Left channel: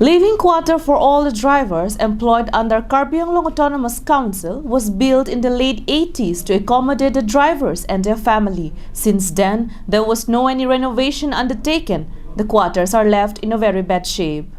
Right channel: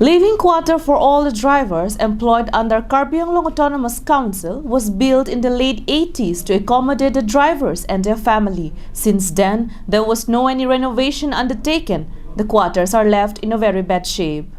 Living quarter for all the drivers employed under Karbi Anglong Autonomous Council was built in the late 80s to accommodate the drivers and their family. Since then, there was no any renovation undertaken. The quarters are left in a very bad shape.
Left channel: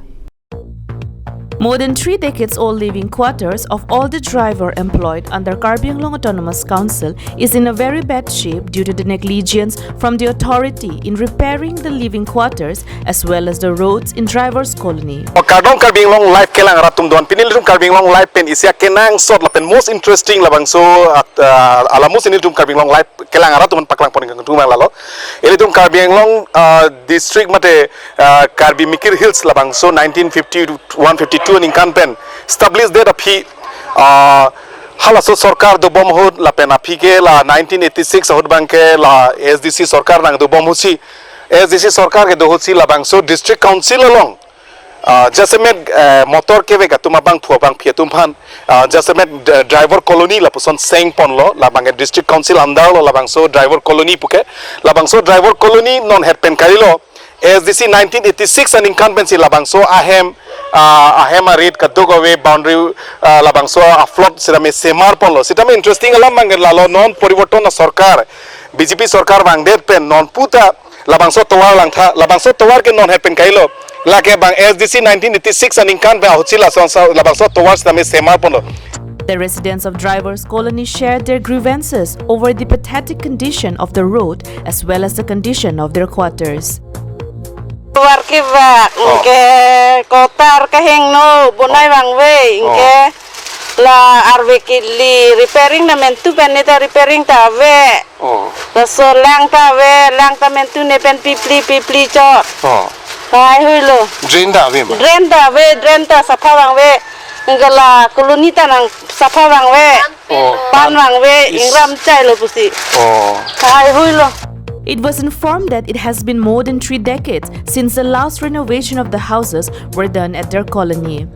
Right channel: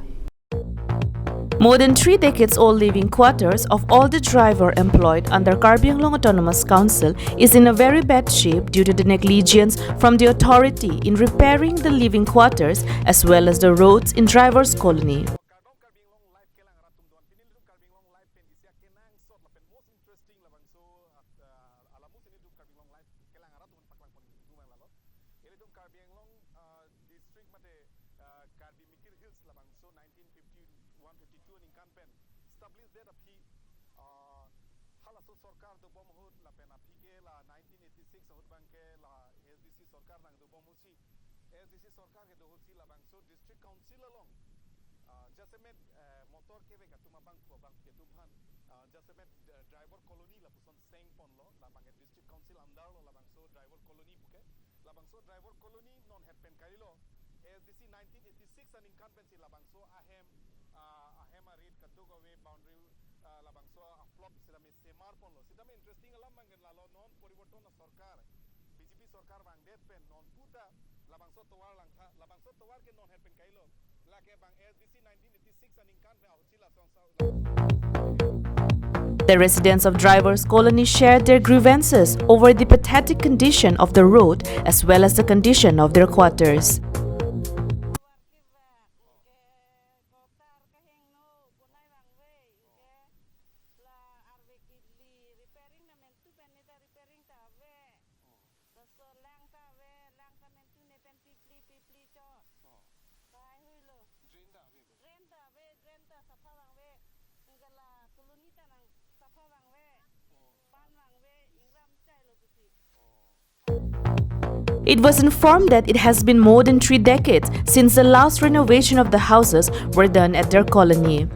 More than 3 decades old living quarters of all the driver employed under Karbi Anglong Autonomous Council is in a very bad shape due to the negligence from the authority in repairing the living quarters as well as the roads in drivers' colony. Kardong Karbi Anglong life kelang ratum don pinil rum Karbi Anglong life pen isya kenang sort la pen most interesting labang so alamus ini rum Karbi Anglong life kelang ratum paklang pon ngang tumang lalo ini rum Karbi Anglong district mate Karbi Mikir Hills labang so 1950 to 152 in Kanpen established there aphi halaso sarkar do bom hod la pen aphi ke la 1986 hod banke la SDC sarkar nang do bom husi SDC sarkar ke do husi labang so district council along जैसे मैं motor के वेगा तुम बांग फुआ बांग फिया तुम फान जैसे मैं ड्राइवर कॉलोनी लापुसन सेंग पन लो लाबांगे डिस्ट्रिक्ट काउंसिल अंदर लो लाबांग सो ड्राइवर कॉलोनी पुके लाबांग सो ड्राइवर कॉलोनी नॉन हेड पेन करी लो SDC 1986 and incumbency labang so ahem a read kadogawe boundary labang so a flood sitame semar polo sitame interesting alam mangal lalo non poriborton na sarkar BJP sarkar bang der pen non puta labang so towar lang tha labang so towar ke non head pen kailo lake bang SDC 1986 and incumbency hotila so labang so towar sitame semar polo. The residents of drivers' colony shared their grievances over the pathetic condition of the road as well as the condition of their quarters. Warki bak, inke kotar kaheng no, bunai bangwe, inke la arve kili repairing na mentu penita repairing ta ve, so lang ta mentu ne pen pipli chot, kai hui lo. Drain ta safa bangwe, inke la koloni ta nang safa bangwe, pan bangwe, ingram chai lo pusi, kai hui lo. It was informed that it has been more than 3 decades since the last renovation of the houses were done at their colony.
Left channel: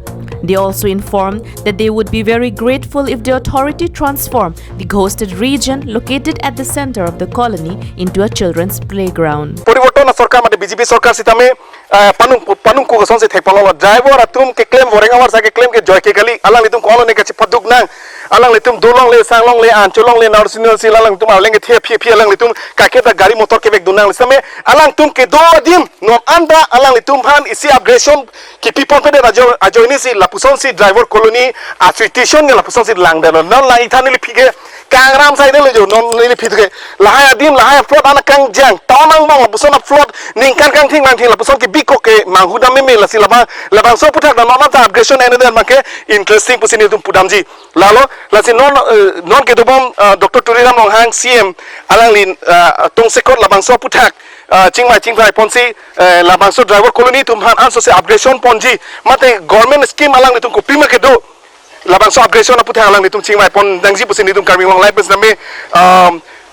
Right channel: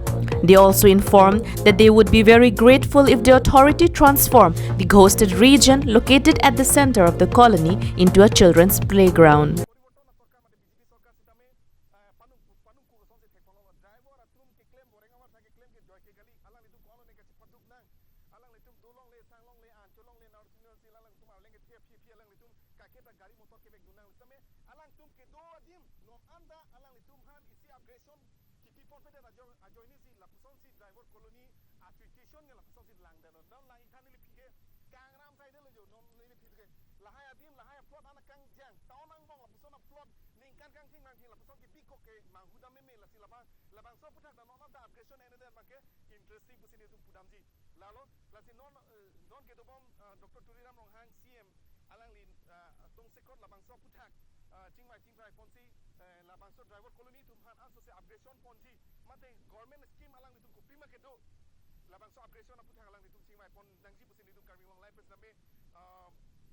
They also informed that they would be very grateful if the authority transformed the ghosted region located at the center of the colony into a children's playground. Poriborton sarkar mate BJP sarkar sitame panung ko gason se thekpalo driver atum ke claim vorenga war sa ke claim ke joy ke gali alang litum colony ke paduk nang alang litum dolong le sanglong le ancholong le narsinal silalang tum alang ke thia alang litum kaketa gari motor ke bek dunang lisame alang tum ke do dim non anda alang litum han isi aggression ki people pe ajoini si lapuson si driver colony association ne lapuson si lang de non la ithani li phige kangram sai de le jo non li phige lahaya dim lahaya flood ana kang jang tamang mang lapuson flood ning kan kang thing mang thing lapuson ki biko ke manghuda me la silaba labang so puthak na non ta aggression ene den make interesting pusini tum pudamji lalo lasi non ke dobom Dr. Turiram Longhang CM alang lin tong sekot labang so puthak chingmai ponsi labang so driver colony tum han anso se aggression ponji mate government scheme alang ni tum ko prima ke do labang so aggression na puthak alang ni tum chingmai pon dangji pusini tum Karbi Anglong life bes name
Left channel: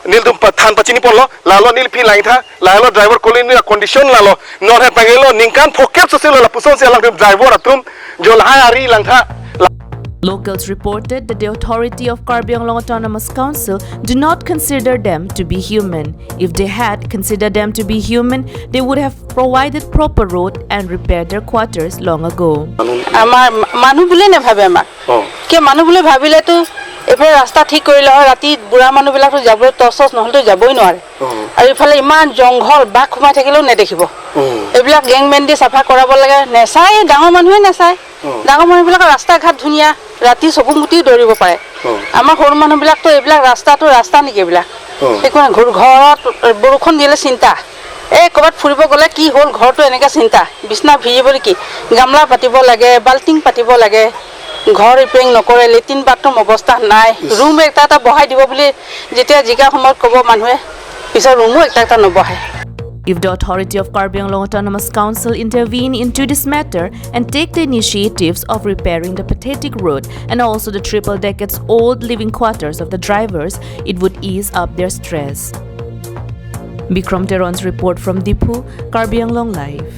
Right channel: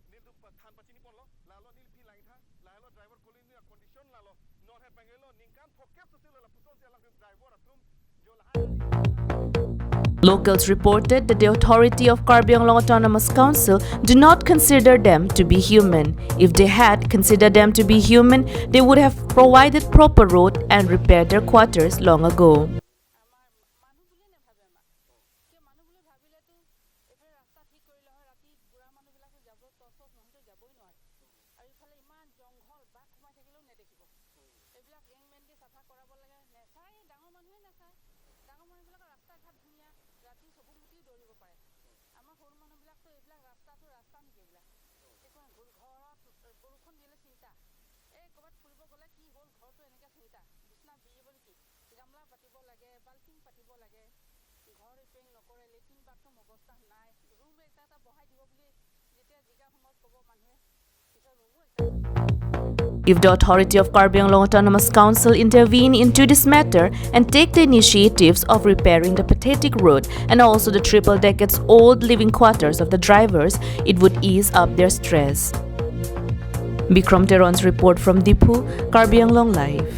nil tum than pachini pon lo lalo nil phi lain tha lalo driver colony na condition lalo non he pagelo ningkan phokep so se lo lapuson se alang driver atum jo lahai ari lang tha. Locals reported that the authority of Karbi Anglong Autonomous Council do not consider them to be human. If they had considered them to be human, they would have provided proper road and repaired their quarters long ago. Amar manu bole ne bhabe amak. Ke manu bole bhabile to ephale rasta thik korile hoy rati bura manu bilak to jabo tosos নহল to jaboi noare. Aru ephale iman jonghol bak khumai thakilo ne dekhibo. Ebilak gangmen di safa korabo lage nesai dangor manhue nesai. Dangor manu bilak rasta ghat dhunia rati sobumuti doribo pare. Amar hor manu bilak to ebilak rasta niki ebilak. Ekone ghorot borukhon dile cinta. Kobat furibo gole ki hol ghor to eneka cinta. Bisna bhijibori ki gamla patibo lage balting patibo lage. ঘৰ repairing নকৰে latrine bathroom অৱস্থা নাই room এটা বহাই দিব বুলি যেতিয়া Zika সময়ত কব মানুহে পিছৰ ৰুমো এটা নবহাই. If the authority of Karbi Anglong Autonomous Council intervene into this matter and take the initiatives of repairing the pathetic road and also the triple decades old living quarters of the drivers, it would ease up their stress. Bikram Teron's report from Dipu, Karbi Anglong Live.